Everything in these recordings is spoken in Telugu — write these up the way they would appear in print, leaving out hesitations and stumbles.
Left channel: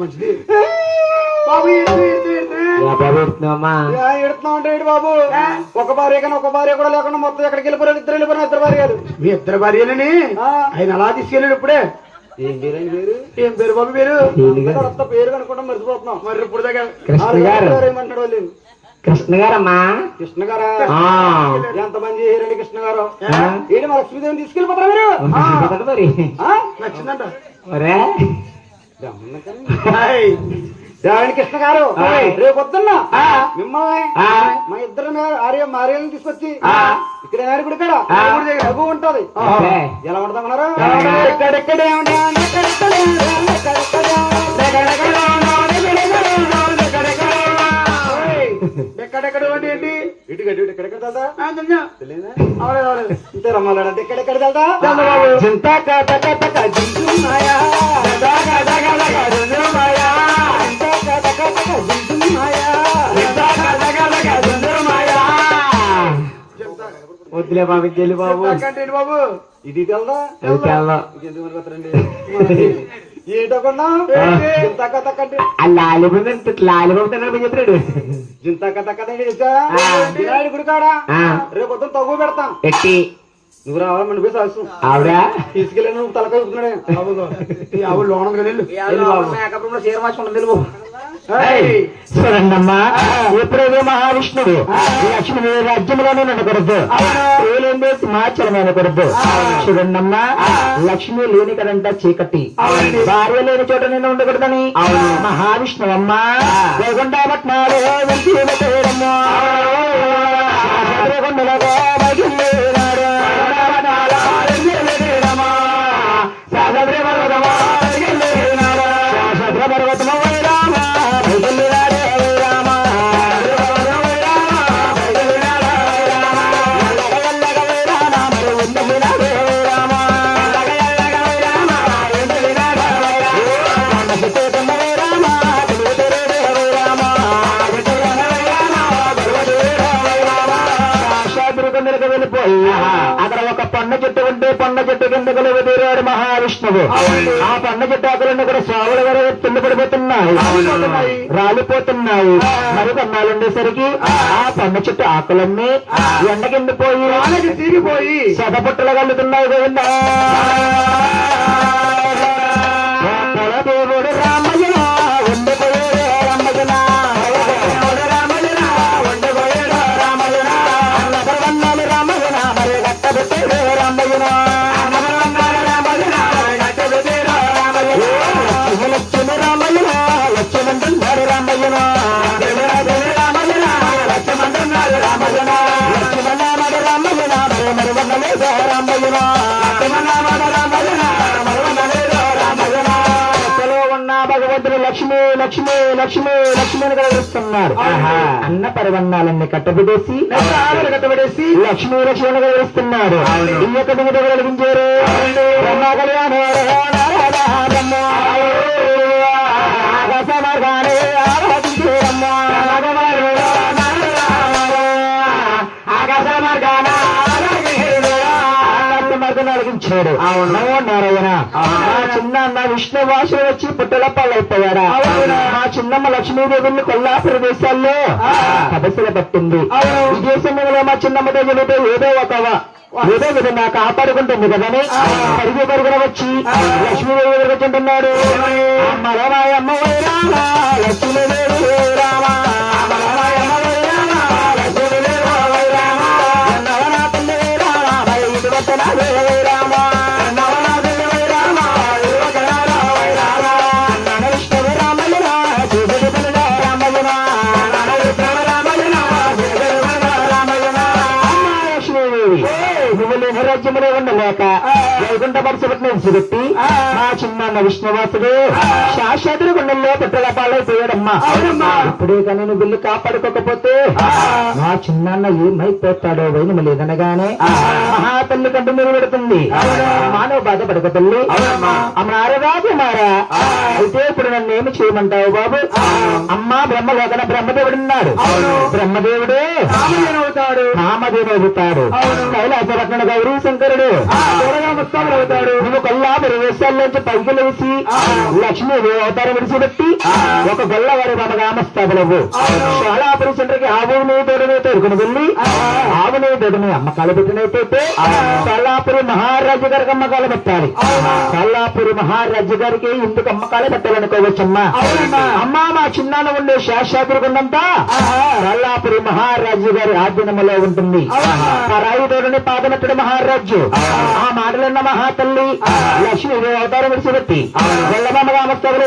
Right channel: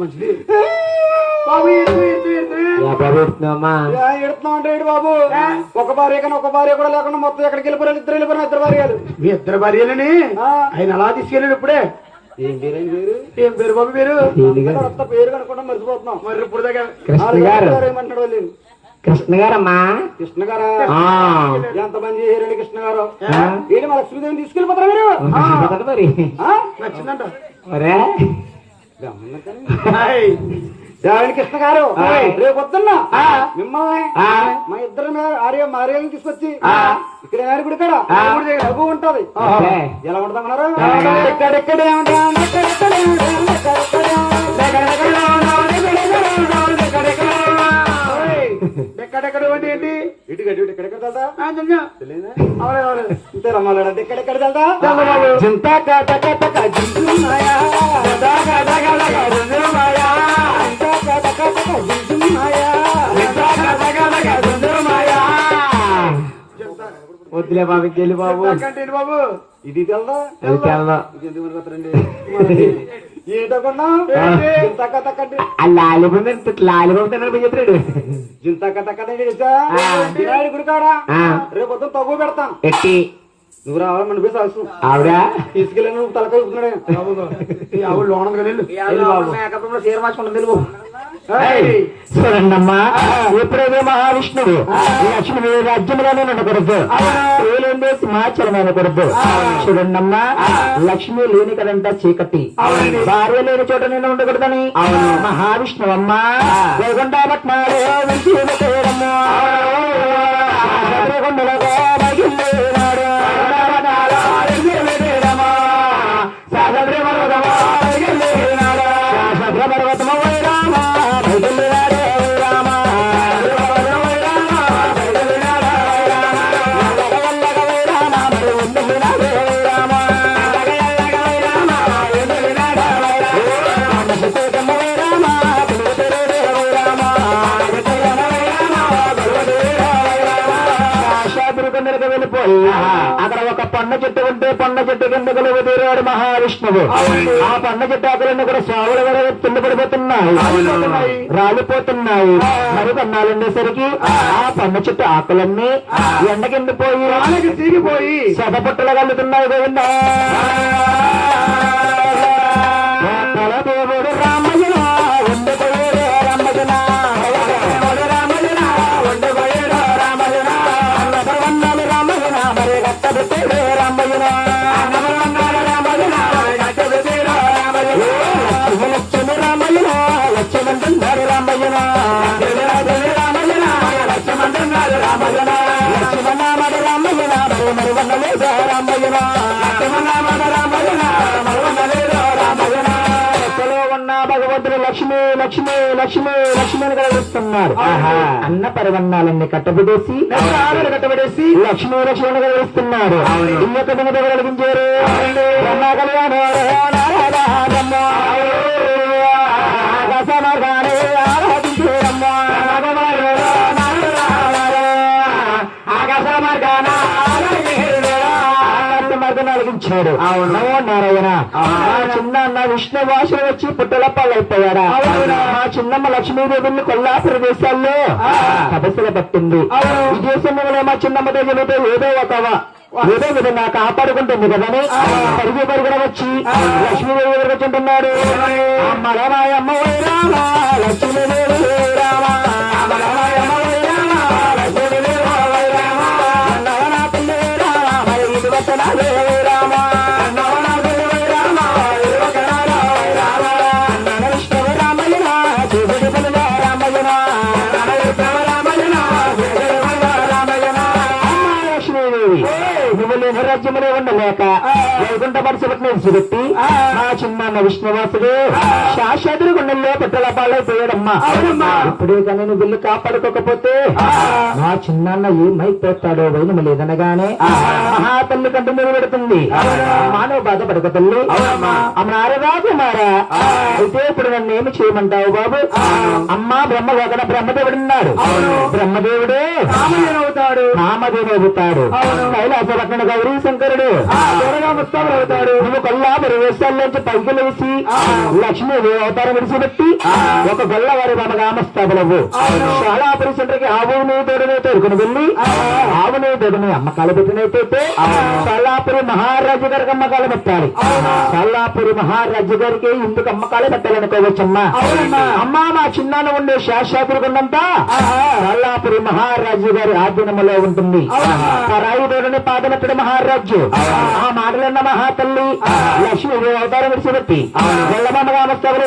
మంచిది బాబు ఎడుతున్నా ఉంటాడు బాబు. ఒక భార్య కానీ ఒక భార్య కూడా లేకుండా మొత్తం ఎక్కడికి వెళ్ళిపోయారు, ఇద్దరు వెళ్ళిపోయిన ఇద్దరు భార్యలు. మీ ఇద్దరు భార్యలని ఆయన అలా తీసుకెళ్ళాడు ఇప్పుడే. ఏం పేరు ఆయన పేరు? ఏం పేరు బాబు పేరు? పేరు కనుకుంటా మర్చిపోతున్నాం. మరి ఇప్పుడు దగ్గర ఏమంటాడు వాళ్ళు? కృష్ణ గారమ్మా. కృష్ణ గారా? ఎంతమంది చేయారండి కృష్ణ గారు? ఏంటి మా లక్ష్మీదేవిని తీసుకెళ్ళిపోతారా మీరు? నచ్చిందంట కృష్ణ గారు. రేపు పొద్దున్న మిమ్మల్ని మా ఇద్దరు ఆర్యలను తీసుకొచ్చి ఇక్కడ నాయుడు కాడ డబ్బు ఉంటది. ఎలా ఉంటామన్నారు? ఎక్కడెక్కడ ఏంటి ఇటు గడ్డి ఎక్కడెక్కడ వెళ్తా ఇంతే రమ్మాలంటే ఎక్కడెక్కడ వెళ్తా వద్దులే బాబు వెళ్ళి బాబు బాబు ఇది వెళ్దా ఏంటకుండా లాలిబాబు చెప్పాడు జింతక గుడి కాడా రేపు పొద్దున తగ్గు పెడతాం ఎట్టి నువ్వు రావాలని పోయి అవసరం ఆవిడ తీసుకెళ్ళి నువ్వు తలకాయ చూడండమ్మా ఎప్పుడేదో మహావిష్ణుడు లక్ష్మి రాజ్యంలోనే ఉండకూడదు, సింహాచలం అనకూడదు. చూడండమ్మా లక్ష్మి లేని కదంట చీకటి, భార్య లేని చోట నేను ఉండకూడదని మహావిష్ణువు అమ్మ వైకుంఠపట్నాలు అక్కడ ఒక పండ్ల చెట్టు ఉంటే పండ్ల చెట్టు కింద తీరాడు మహావిష్ణువు. ఆ పండ్ల చెట్టు ఆకులన్నీ కూడా స్వాముల కింద పడిపోతున్నాయి, రాలిపోతున్నాయి. మరి పన్నాలు ఉండేసరికి ఆ పండ్ల చెట్టు ఆకులన్నీ ఎండ కింద పోయి తీరిపోయి సభపట్టలు కలుగుతున్నాయి కదండి. దేవుడు రామయ్య లక్ష్మి లక్ష్మి లక్ష్మి లక్ష్మిని కలుగుతున్నారు. అన్న పరివన్నాలన్నీ కట్టబెట్టేసి లక్ష్మీ లక్ష్మిని కలుగుతున్నారు. ఇంకొకటి కలిగించారు బ్రహ్మ కళ్యాణం కలిగించాడు. నారాయణ చిన్న అన్న విష్ణు భాషలు వచ్చి పుట్టల పాలైపోయాడా? మా చిన్నమ్మ లక్ష్మీదేవిని కొల్లాపుర దేశాల్లో తపస్సులు పట్టింది. ఈ దేశంలో మా చిన్నమ్మ దగ్గర ఏదో విధంగా కాపాడుకుంటుంది కదని పరిగి పరిగిన వచ్చి లక్ష్మీదేవి దగ్గర వచ్చుంటున్నాడు. అమ్మ లక్ష్మీదేవి రాజ్యములో ఉండలేక వైకుంఠ పరిసరని విసిపెట్టి మా చిన్న విష్ణువాసుడు శాశ్వతుడు గుండెల్లో పెట్టల పాలైపోయాడమ్మా. ఇప్పుడు కానీ నువ్వు బిల్లు కాపాడుకోకపోతే మా చిన్న ఏమైపోతాడో వైనం లేదనగానే మహా తల్లి కంటే మీరు పెడుతుంది. మానవ బాధపడక తల్లి అమ్మారరాజు మారా. అయితే ఇప్పుడు నన్ను ఏమి చేయమంటావు బాబు? అమ్మా బ్రహ్మలోకన బ్రహ్మదేవుడున్నాడు. బ్రహ్మదేవుడే నామదేవుడు అవుతాడు. కైలాస రత్న గౌరీ శంకరుడు అవుతాడు. నువ్వు కొల్లాపురి వేషాల్లోంచి పైకి లేచి లక్ష్మీ అవతారం విడిచిపెట్టి ఒక గొల్లవారి బాబా రామస్థాపనవు షాలాపురి సెంటర్కి ఆవును దొడని తోడుకుని వెళ్ళి ఆవును దొడని అమ్మకాలు పెట్టినట్టయితే షాలాపురి మహారాజు గారికి అమ్మకాలు పెట్టాలి. షాలాపురి మహారాజు గారికి ఎందుకు అమ్మకాలు పెట్టాలనుకోవచ్చమ్మా. అమ్మా మా చిన్నాన్న ఉండే శాశ్వతుడు కొండంతా షాలాపురి మహారాజు గారి ఆధీనంలో ఉంటుంది. పరాయి దొడని పాదనెత్తడు మహారాజు. ఆ మాటలన్న మహాతల్లి లక్ష్మి అవతారం విడిచిపెట్టి గొల్లమ్మ రామస్థాపన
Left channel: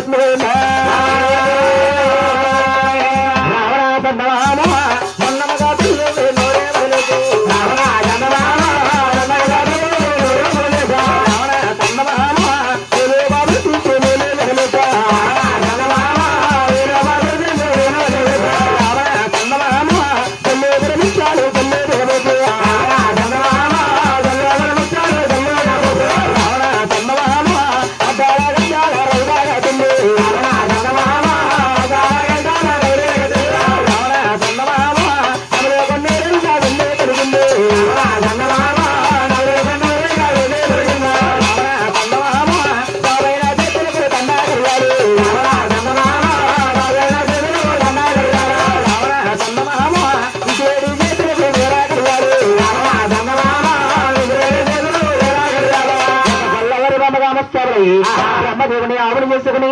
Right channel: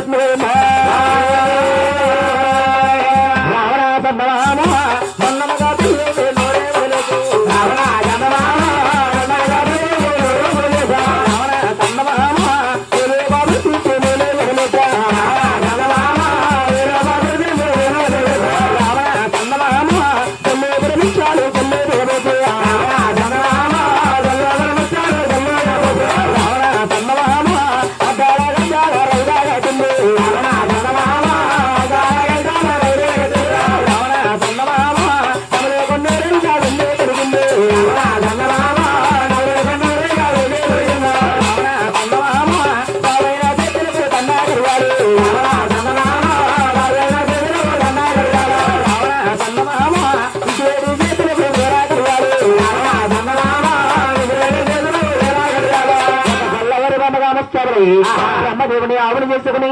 బ్రహ్మదేవుని ఆవులు చేసుకుని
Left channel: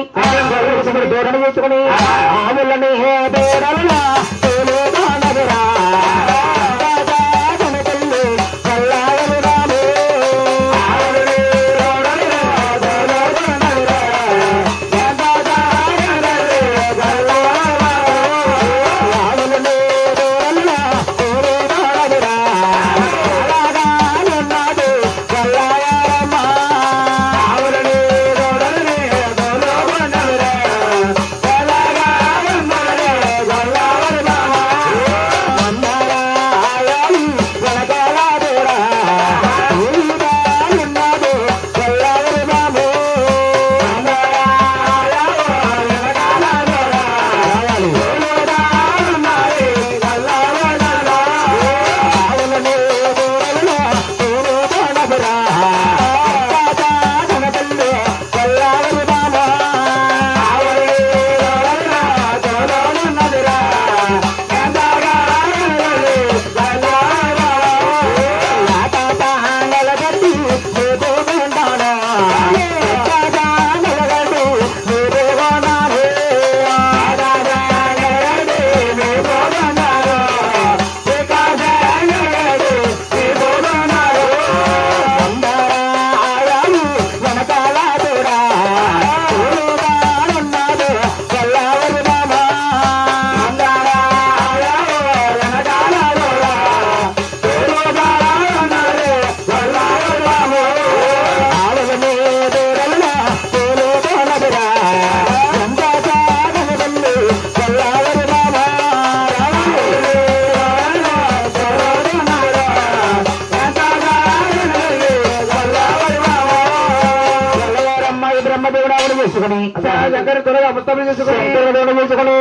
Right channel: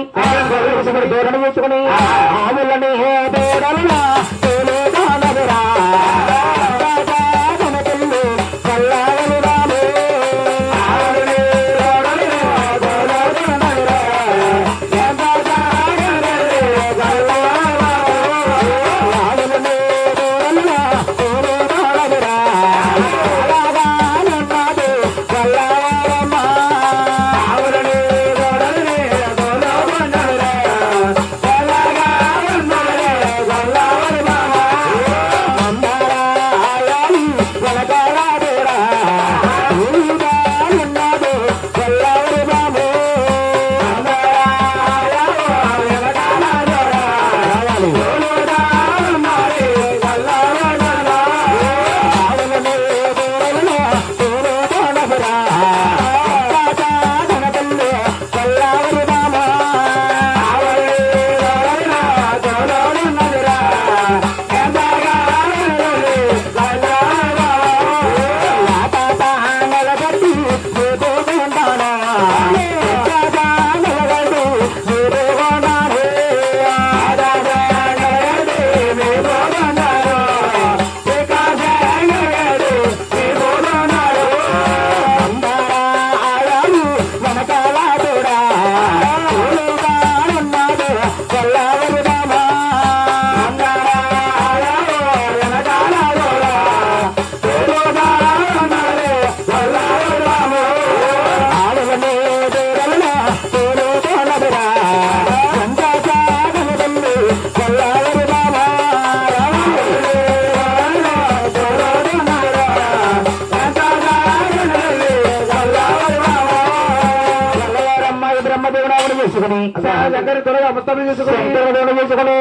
దూరణ చేసుకుని ఆవులని చేసుకుని దగ్గర త్వరగా మొత్తం చేసుకుని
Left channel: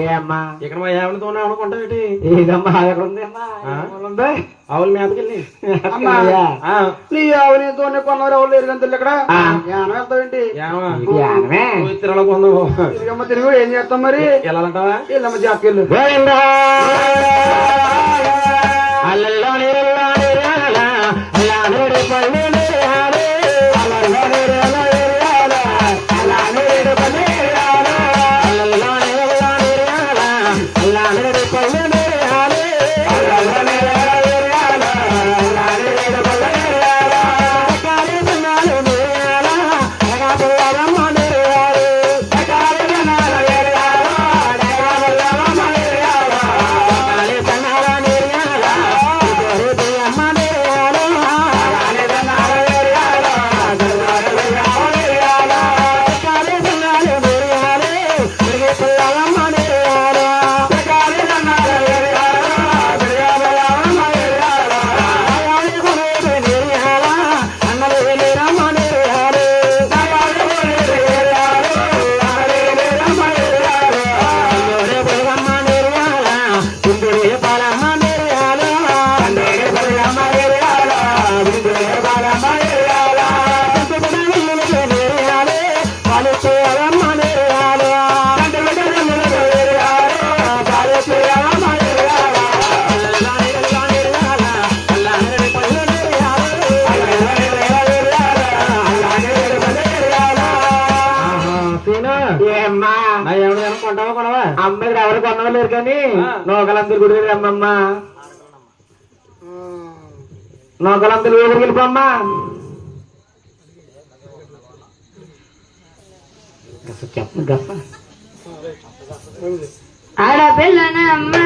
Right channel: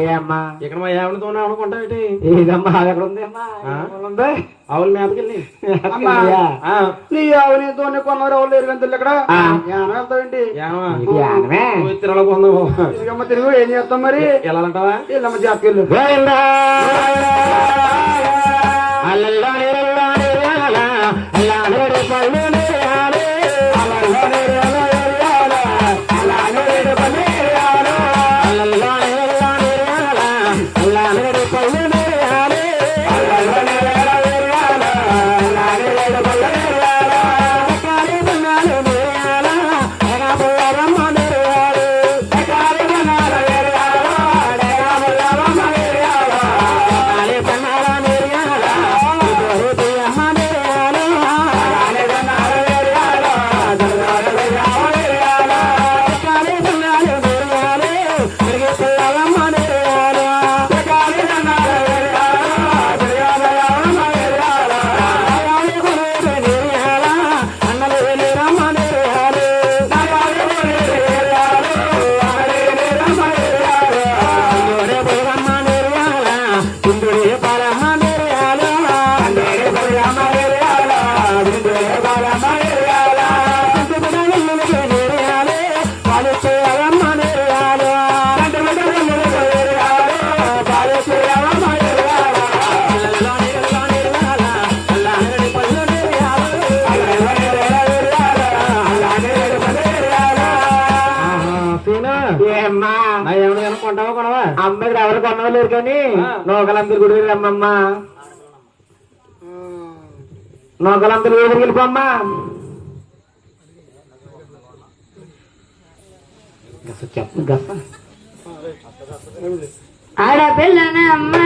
ఏ అమ్మా ఇక్కడ మా ఏమన్నా తోనే అనుకుంటావేటి ఏదమ్మా ఎక్కడ ఉంది అమ్మా ఉంది ఆవుల మేతకెళ్ళి నీ ఆవునితోనే కొన్నారు ఆవులు ఎరుగంతలు ఇక్కడ యానం వెళ్తావేంటి తిరగ పొందవు తిరిగమ్మ తిరుగు ఏం చేస్తాం మరి వెళ్ళాలంటావా వెళ్ళమ్మ జాతకెళ్ళు అమ్మకి ఎవరు కొనవలేరు కానీ నూకలందరూ గుడి రమ్మమ్మా నూకలందరూ వేడికి వెళ్ళిపోమ్మా ఆడపిల్లనమ్మా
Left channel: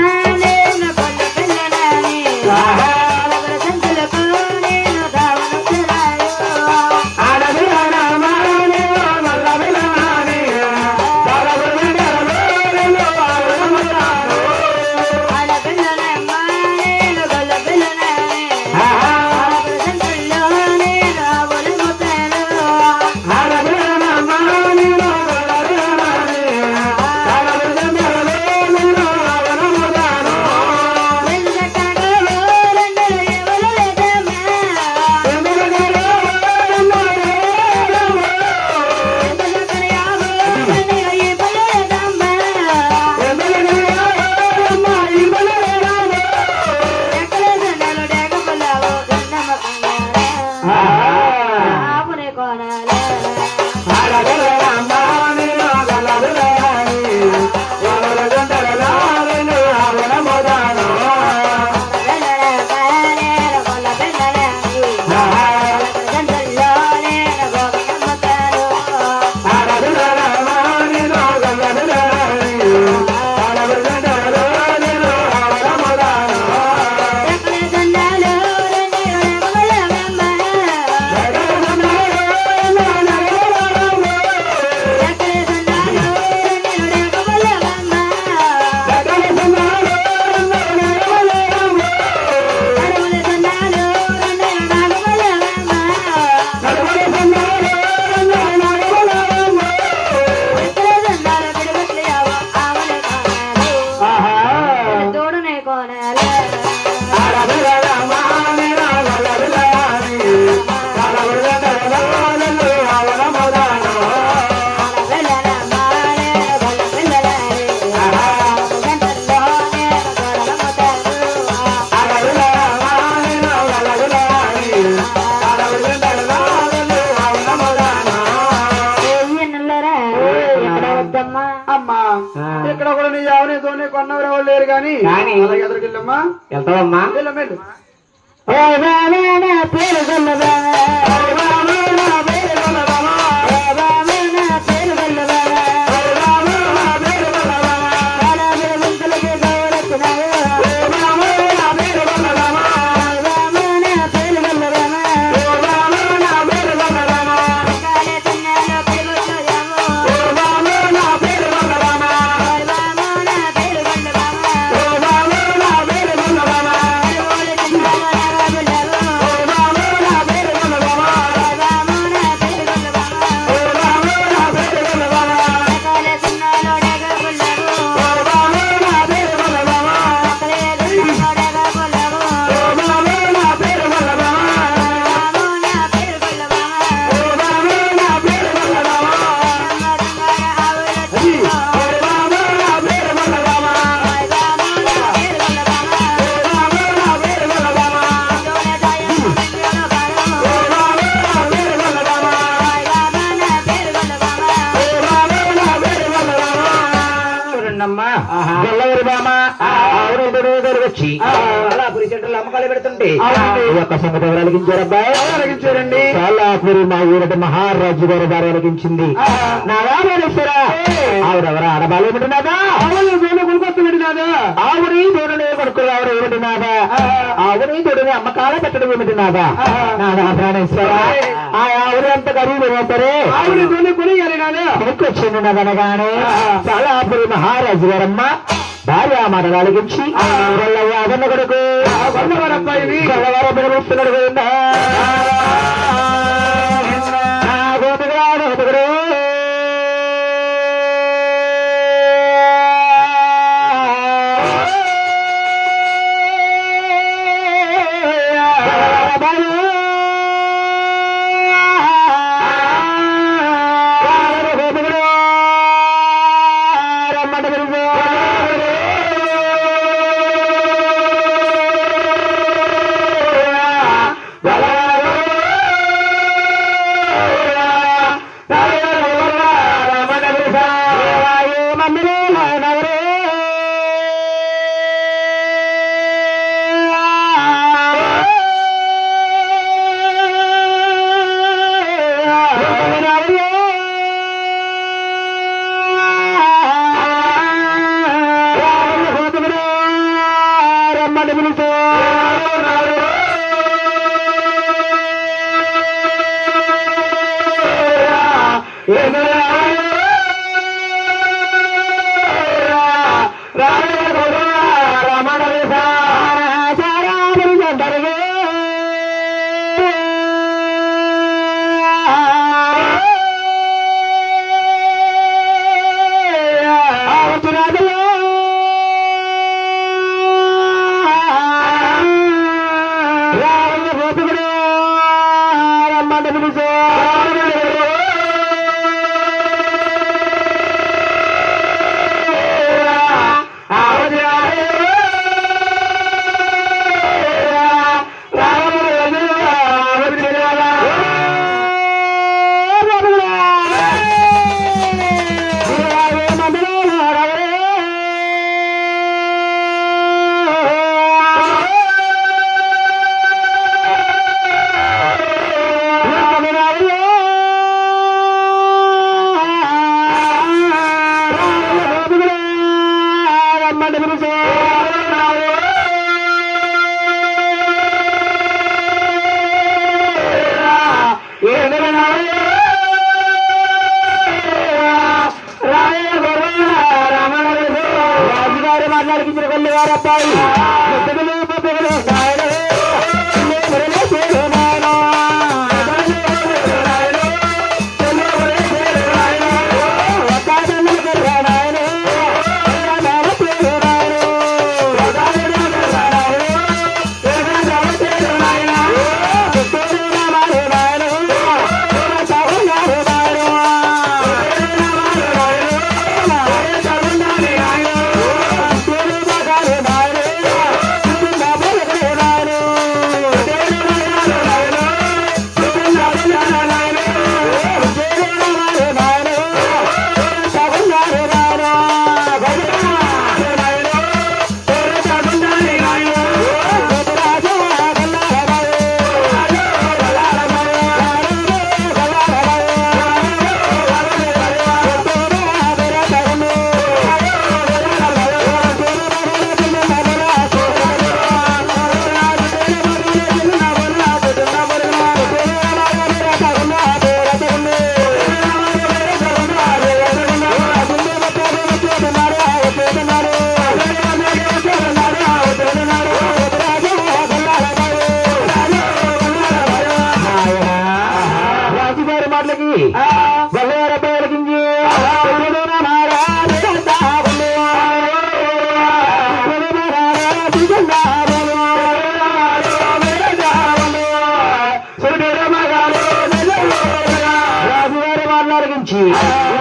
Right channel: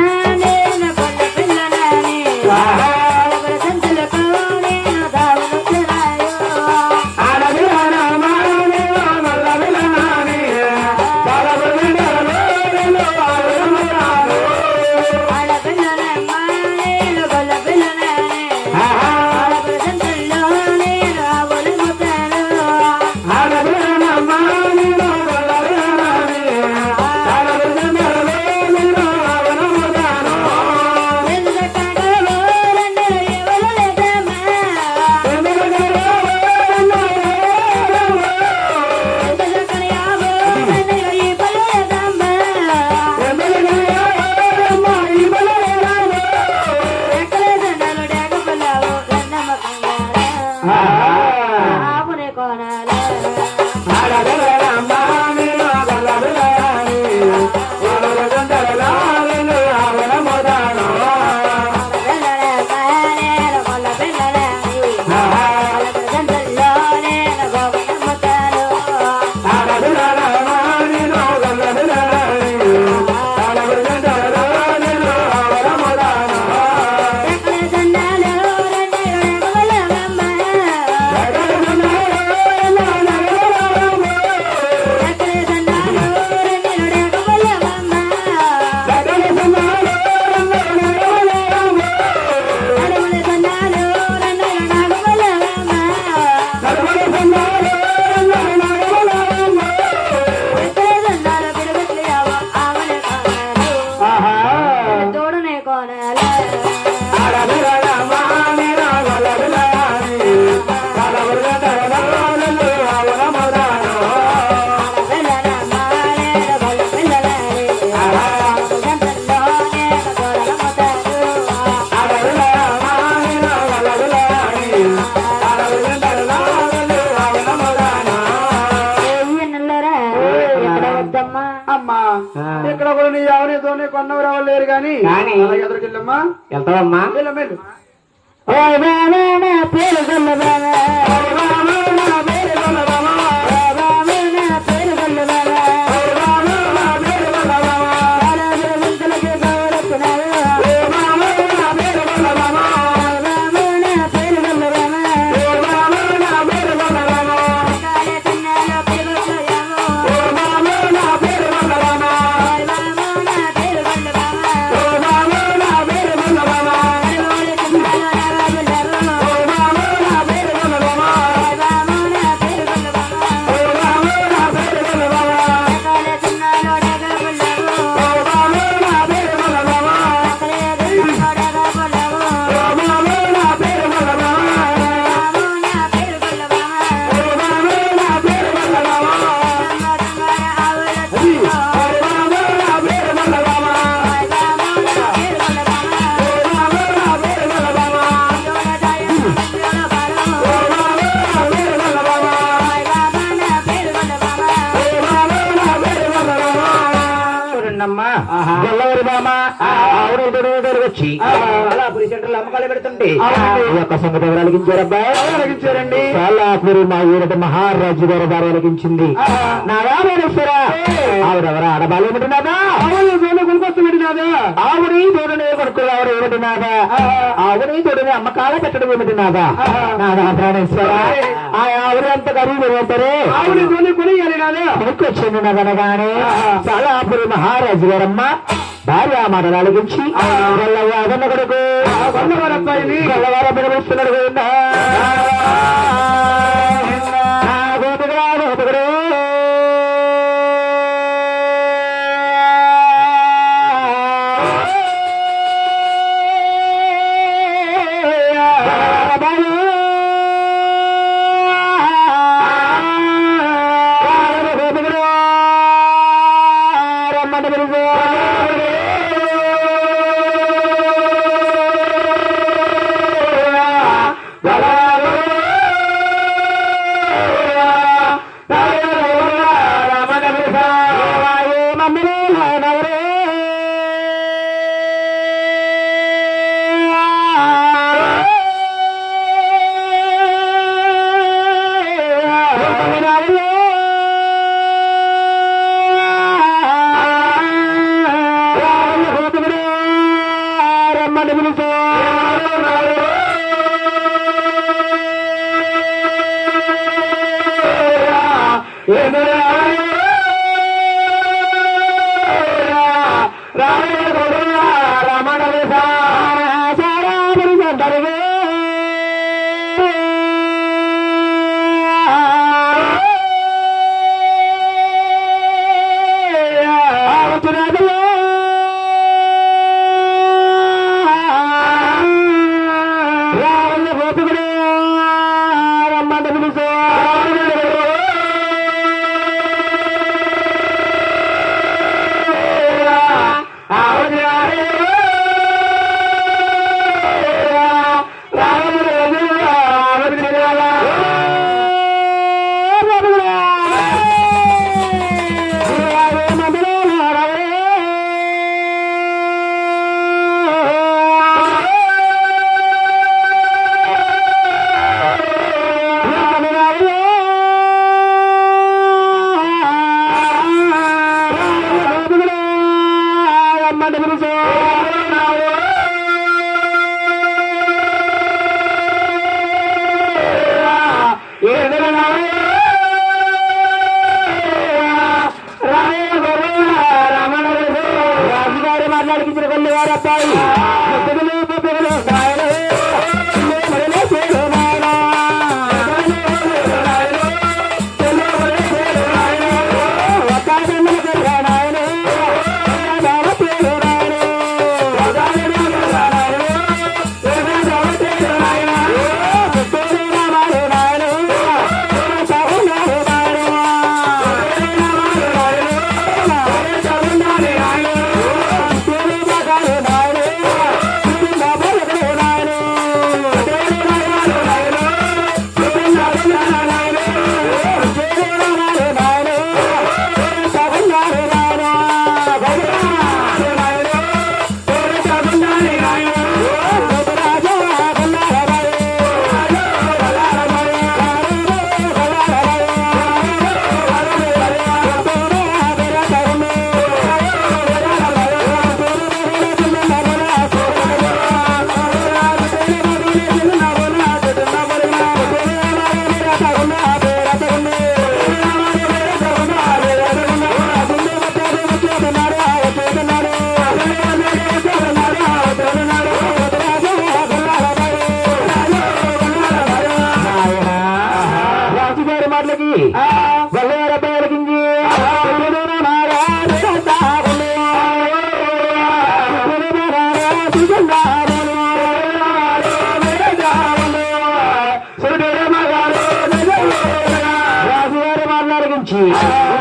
ఇక్కడ కూడా నీ ఎవరితోనే కొన్నవారు ఎవరు లేరు కానీ ఎదురుకెళ్ళమ్మా వెళ్తావమ్మా వెళ్ళు వచ్చి అలా పురి సెంటర్లో అమ్మకాలు పెడుతుంటే ఈ యొక్క సంగతి ఎవరు అలిగించారు అబ్బాయి? అలిగించారండి. చాలాపురి మా ఊరటి మహారాజు గారి దారి అలిగించింది. నా రామేశ్వరా ఆవిడెవరు ఆడబాలు ఏమిటినాదా? కొనుకొస్తున్నాడు నాదా. ఆవుని తోడునే కొడుకున్నారు ఏమిటి నాదా? ఆవుని తోడుని అమ్మకాల పెట్టడం ఏమిటి నాదా? నాదా ప్రాణేశ్వర ఆ ఆవుని ఎంత ఖరీదు సరే ఆవుని తోని కొనియాలి నాదా. కొనుక్కొచ్చింది నదనగానే చాలాపురి మహారాజు గారమ్మ భార్య మాటలు అలిగించి అదన్న కొడుకు అబ్బాయి గల్లవారు పిలుస్తున్నాడు కదా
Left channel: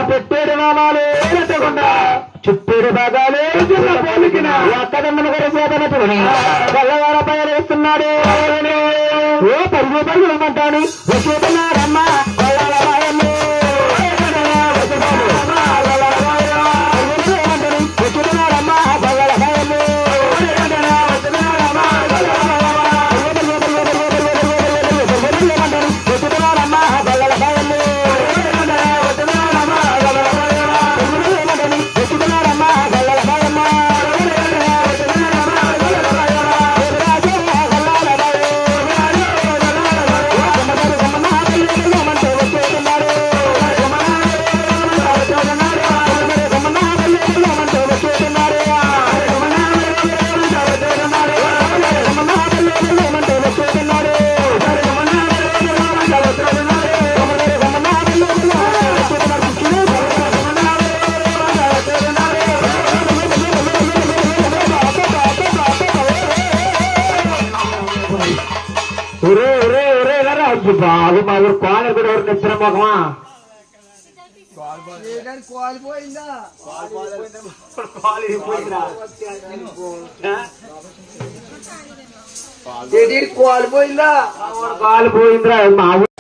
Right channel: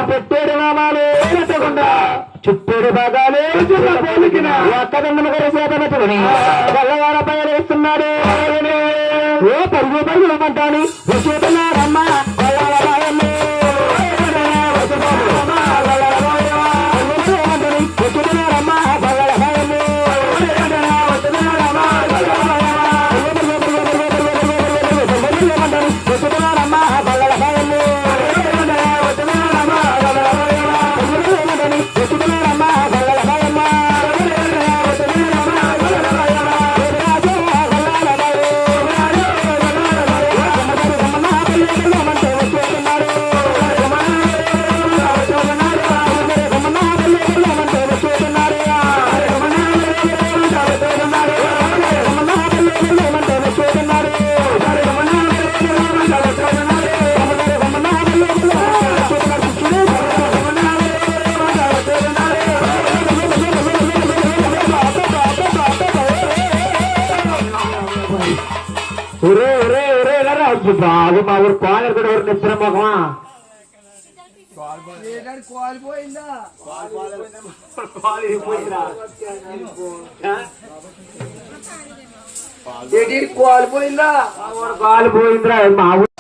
పెట్టేడు నామాలే చుట్టూరు భాగాలే ఎక్కడన్నా చేతనట్టుకుని తెల్లవార పైన వేస్తున్నాడు. ఏ పరుగు పరుగులమంటాను విషయన్నారమ్మా బాబు మా ఊరు కోని కూడా ఎవరు నిద్ర మొహమా కోల్పోయిందా కోల్పోయిందా కాలిపోయిందిరా మా ఊరు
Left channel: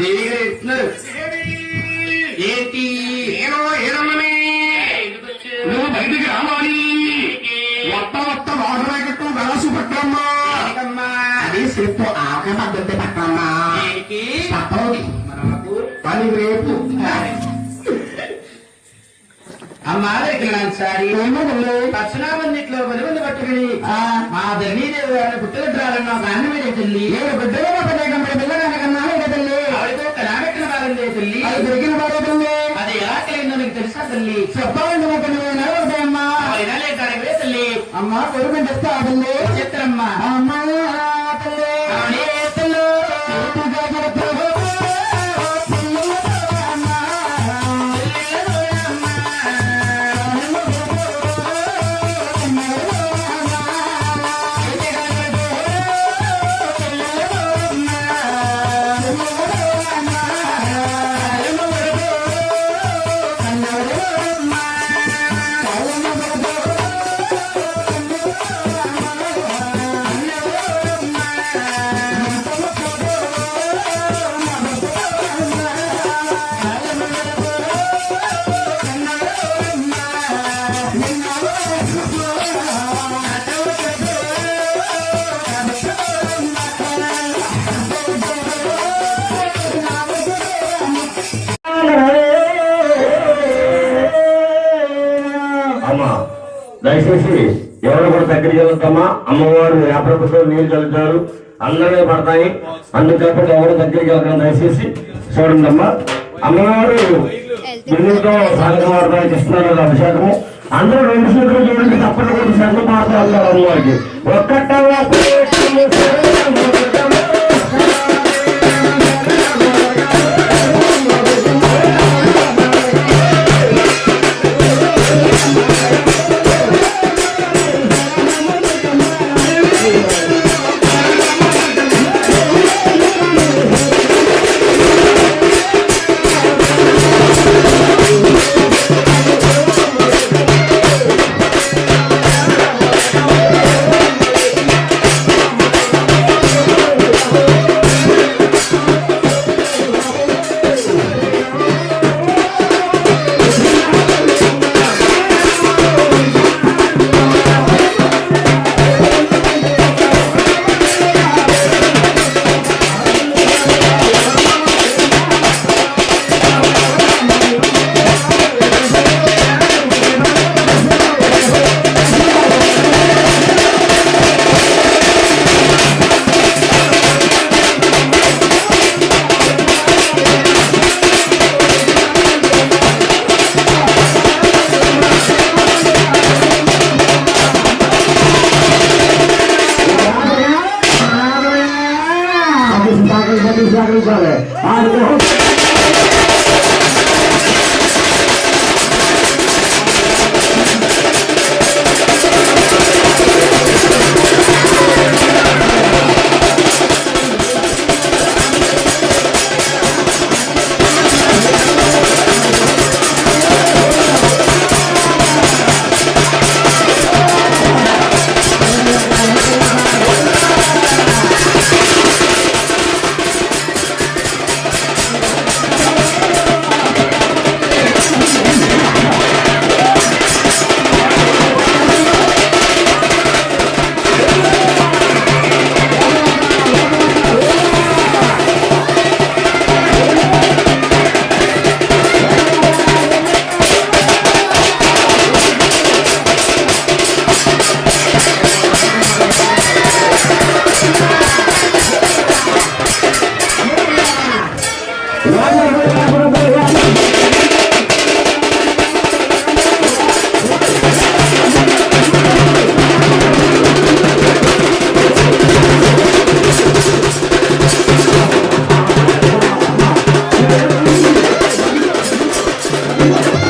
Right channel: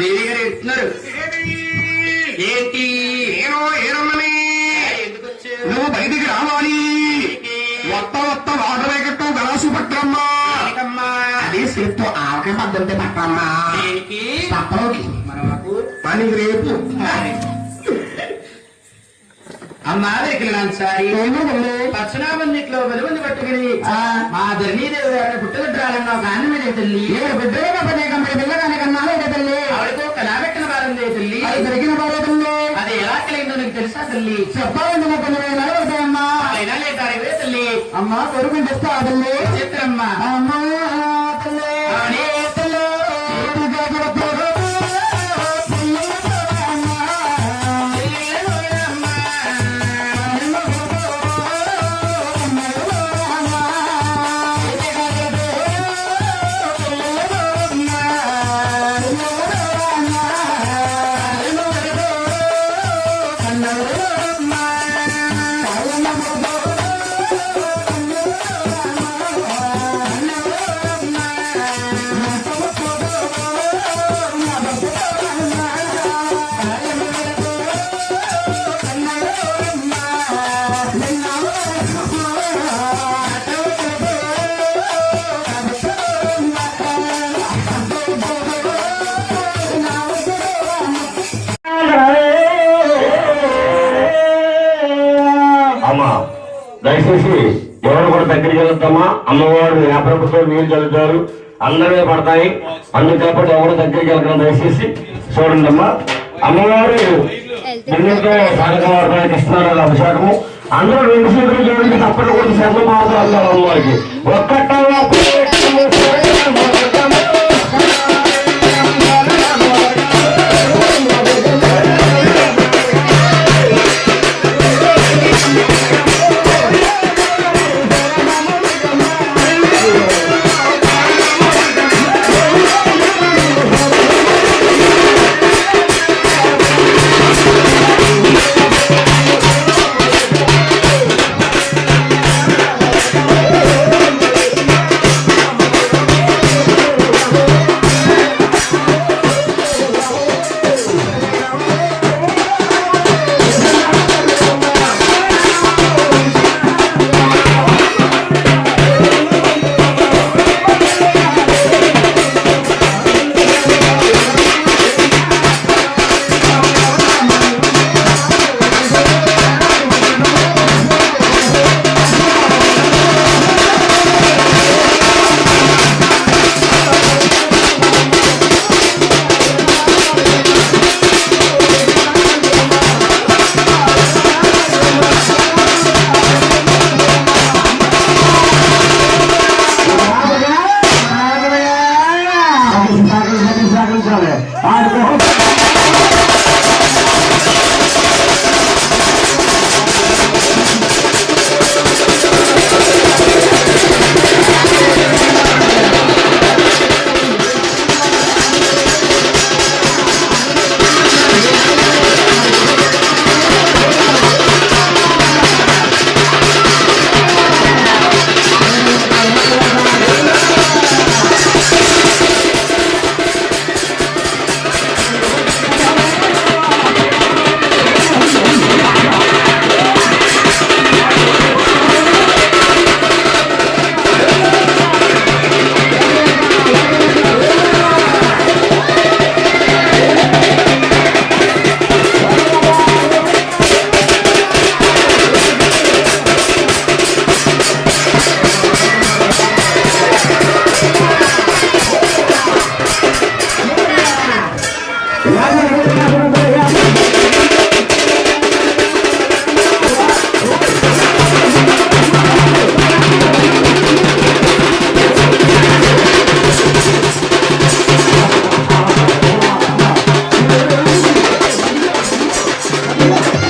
దేవి గారు ఇస్తున్నారు ఏంటి నువ్వు బయటికి రావాలి మొత్తం వాడరేగట్టు గ్లాసు పట్టమ్మా అది సేపు ఆకలి అద్దంటే పట్టమ్మా పని రేపు అమ్మా దగ్గర సారి పచ్చనాబందిట్లో బలుగుని పట్టుకుని మా ధర్మీదేవి గారిని పుట్టగొట్టాలన్న గాంధీ మీద తల్లి పిల్లగానికన్నాను తల్లి ఆవిడతో కడాబెట్టిన వారందే తల్లి అది దొరికిన వారే తల్లి అది ఎలా కలిగిందో నీకు తెలుసా తల్లి చెప్పాలని అమ్మా ఇలాగే కాడే తల్లి అమ్మా కొడుకుని చెప్తా తల్లి చెప్తామ్మా అమ్మా తల్లి దయచేసి ఎవరు కూడా దగ్గరికి వెళ్తామా అమ్మవారు వ్యాపారంతో నీళ్ళు చల్లుతారు అందరికీ పడతాయి అందుచేపటి ఎవరు దగ్గరికి వెళ్తాం దయచేసి చూడండి అమ్మా అమ్మవారు బిందుతో సాగవారికి ఇస్తున్నారు అభిషేకము అందరూ 2 సీట్లు చూడండి తప్పని కూడా సెంత మాట్లాడతారు అమ్మవారికి ఒక్కటంగా అమ్మ